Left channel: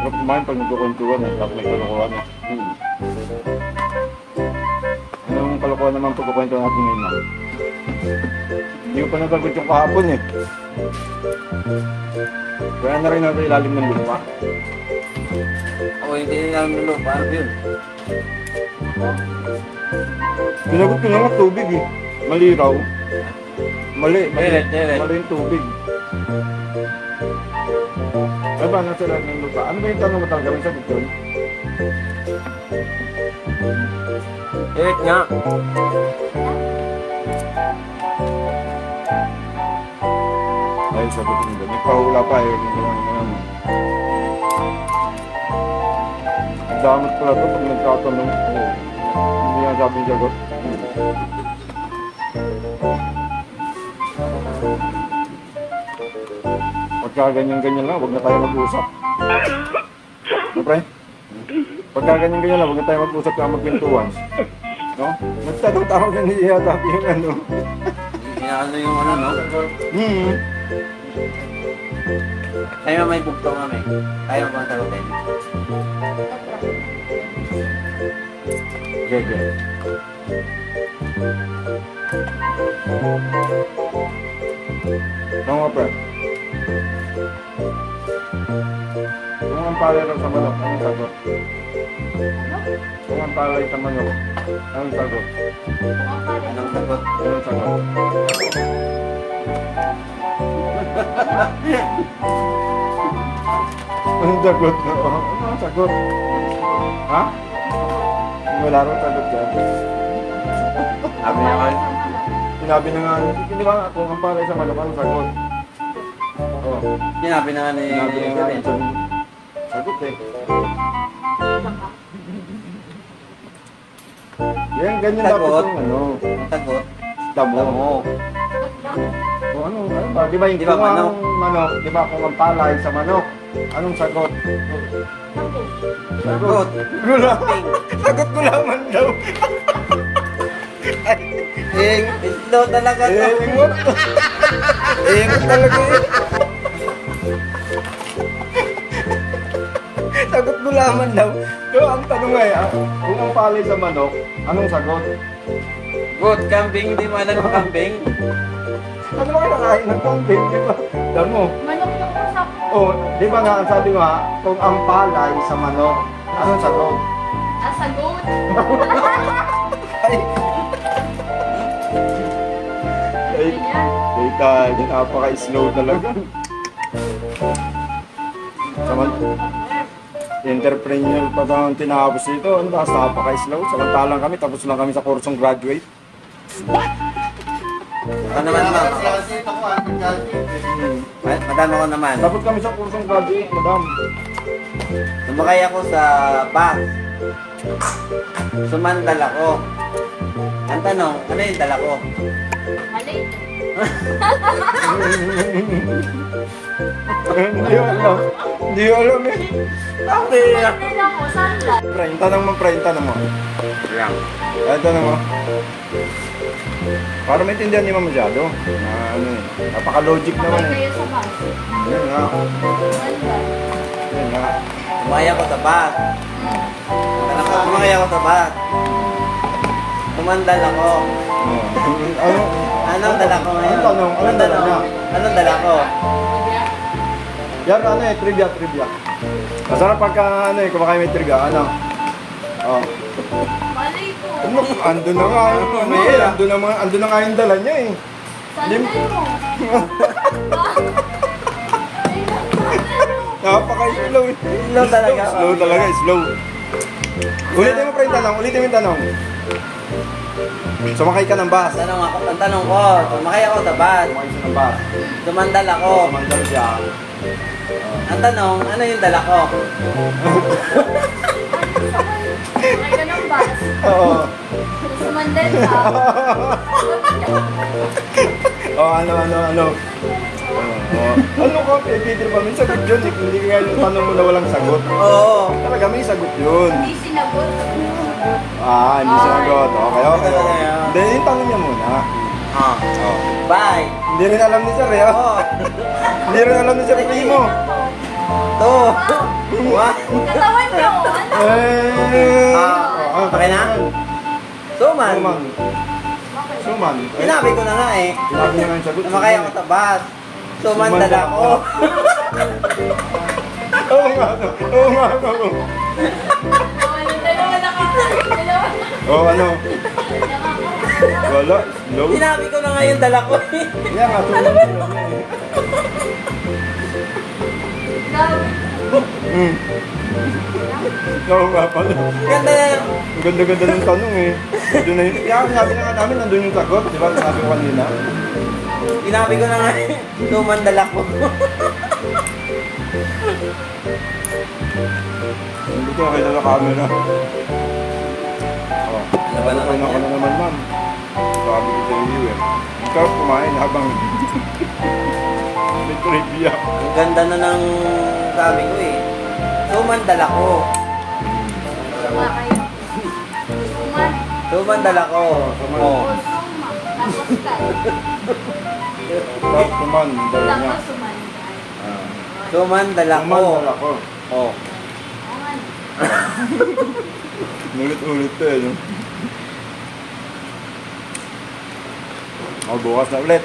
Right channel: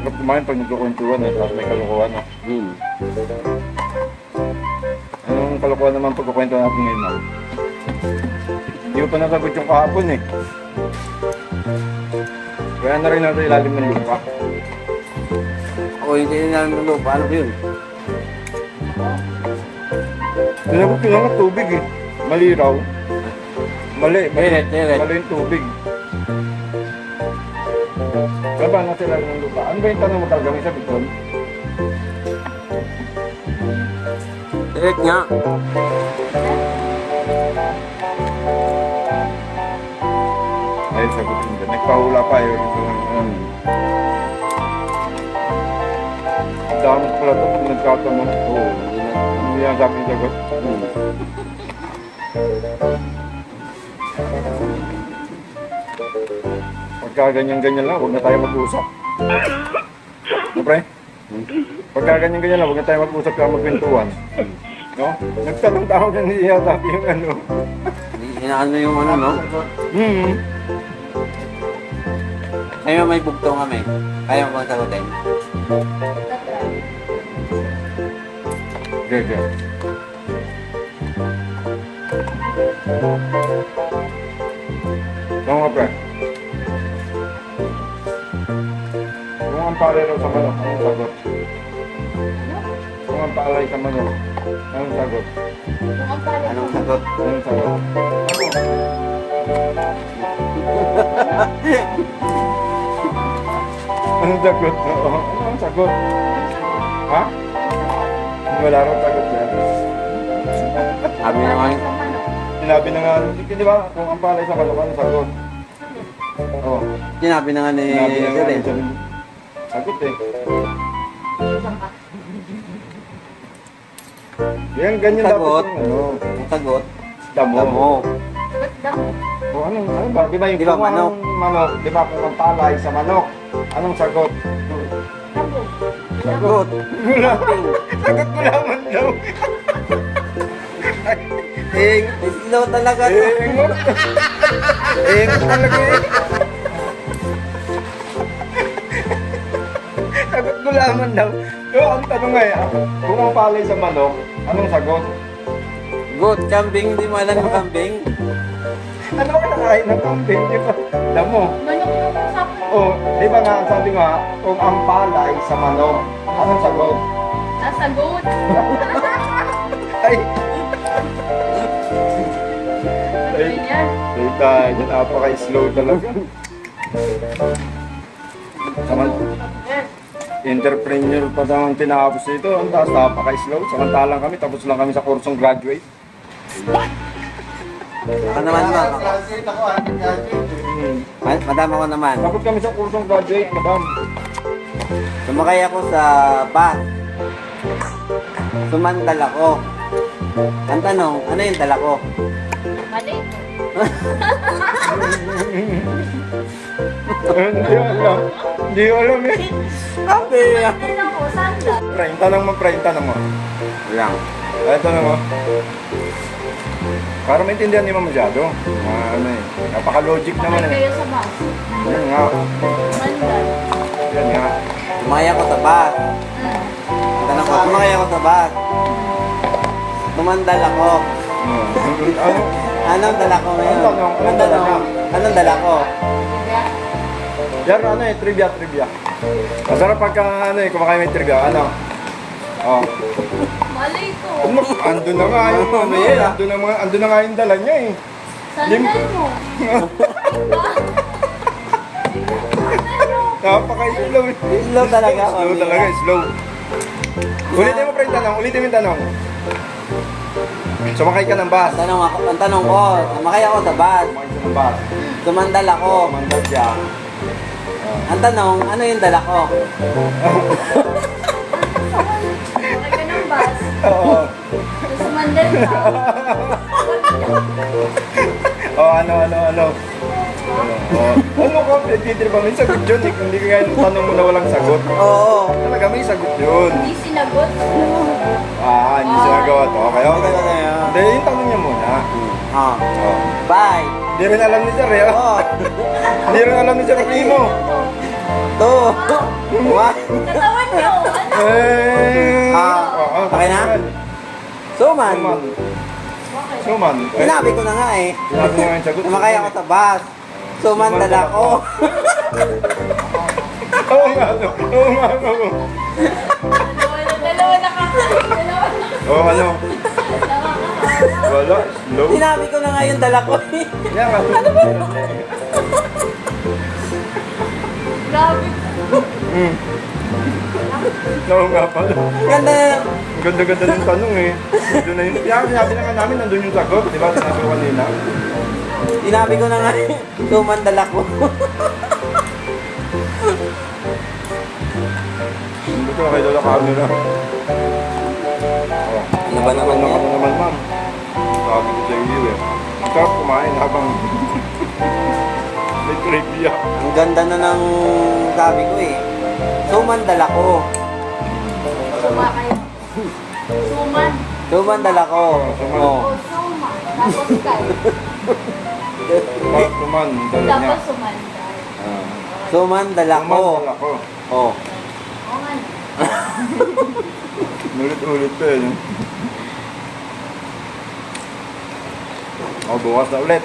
Sarap kumain pag nagkukwentuhan eh. Tapos may kalokohan ah. Anong kalokohan naman pagkukwentuhan natin ngayon ah? Hindi mo pa nasagot yung kahapon eh. Kaya na rin natin ilalim ng lupa. Ako hindi na namin lupa. Ano yun? Sinagot ko lang ang tubig eh. Maliraw. Mali. Diret. Mali yung tubig. Kaya ba nasa ilalim ng lupa? Ano ba yung tanong mo talaga? May sagot yun? Diret nga. Ay, sagot mo dyan. Nagpahula pa eh. Damat pala ito pag nagkatanong. Oo. Hindi yan sabi yung sagot. Pagka ganyan-ganyan lang, huwag na tayo mag-usap. Siyempre? Pagka ganyan-ganyan lang, huwag na tayo mag-usap ka magpintuan. No? Nagtanong-tanong ka niya sabi yung ano. Inaano yung ano, no? Sa'yo may bugtong kami. Kaya mo bang sagutin? Gege. Tama ka, pre. Kung ang palay raw sa manok, anong sagot? Kung ang palay sa manok, anong sagot? Anong sagot? Anong sagot? Anong sagot? Anong sagot? Ha? Wala raw sagot yan. Sabi na nga. Sinabi na nga, di ba, kung ang palay sa manok, anong sagot? Oo. Sinabi na nga ni Sinabi na nga Sir. yung sagot. Sagot eh. Yan, ganyan dapat Sagot. yung ano. Ang sagot? Damo. Damo. Kung ano ba? Di ba yung Di ba kung ang manok, di ba kung ang palay sa manok, anong sagot? Sagot. Gulaman. Sagot gulaman daw. Slow talaga to. Ingot. Ingot talaga eh. Sagot gulaman daw. So, ang tanong nga eh, kung ang palay sa manok, anong sagot? Good. Kambing. Hindi mo alam yung kambing. Ano ba kinakain ng kambing? Di ba? Damo. Manok yung usapan. Oh, di ba nga, ang sabi nga, kung ang palay sa manok, anong sagot? Sagot. Ay, Ganyan. Tita, yun napaka-slow talaga. Saman, entrepreneur pa ang tinapos ito. Ang taas, napaka-slow. Samantalang kami, tapos lang kami sa kursong graduate. Ano naman to? Madama ko naman. Tapos kami sa kursong graduate, madam. Sumakay ako sa bus. Sumandal ako. Ang tanong, ano yung dala ko? Mali. Hindi ko alam. Hindi ko alam eh. Sabi. Mali lang ko. Sandal. Pre, yung tanong mo, pre, yung tanong mo. Lang. Ay, tanong mo. Para maintindihan niyo masyado. Ano eh. Napaka-logic naman Sakay eh. kayo sa bus. Yan nga. Sandal. Yan nga. Sumakay ako sa bus. Sumakay ako sa bus. Sumandal ako. Ano? Anong dala ko ngayon? Anong tanong? Anong dala niya? Anong dala ko? Yan, ano eh, trivia. Masarap pagka, ano eh, kumakain may trivia. Ano? Oh. Mali ko. Ando na nga yung, ano eh, ando na nga yung dala niya eh. Sandal mo. Napaka-slow. Slow talaga. Slow talaga, slow. Ulitin mo pa yung tanong, ulitin mo yung tanong. Sumakay ka ng bus. Ang tanong ko, sumakay ako sa bus. Sumakay ka ng bus. Sumandal ako. Sumandal siya. Ang tanong, ano yung dala ko? Sakay ka ng bus. Oo. Sumandal ka. Oh, ano. Ano ko, Peter ba? May sagot yun eh. Hindi kaya yung tanong mo na walang sagot. Oo. Talaga may sagot yun. Hindi sinagot. Hindi sinagot. Okay. Hindi, yung tanong niya muna. Ah. Bye. Hindi rin alam ni Sir eh. Oo. Hindi rin alam ni Sir Primo. 2. 1. Katawan niyo. Ano? Eh! Okay na? Suman. Suman. Bakit? Suman. Sinabi ko na nga eh. Sinabi nga yung sagot. Sumakay ako sa bus. Suman Suman dala ko. Oo nga, oo nga, oo. Dalawa na ka. Dalawa na. Oo, ano? Nakakaharap. Wala, slow. Sinabi ko na nga yung dala ko eh. Yan nga, Ano tulog. Grabe. Oo nga pala. Ganda na. Ang ganda-ganda ng tanong eh. Doon na yun. Kaya sinabi na nga namin, nandun yung sagot. Di ba? Sinabi ko kanina. Sinabi ko na nga suman dala ko. Hindi ko nakita na camera. Oh, Ano ba naman na yan? naman, ma'am. Sabi ko sa iyo eh. Ang sarap kumain habang may trivia. Ang ganda na ng sabi ko eh. Suman dala ko. Sumakay. Suman. Suman dala ko. O Oh. suma. Tapos tayo. Tapos naman, dala niya. Tapos sumanday. Ah. Suman dala ko. Kuman dala ko. Oh. Oo nga. Nulit-ulit ko eh. No? Oh, bukas na ulit.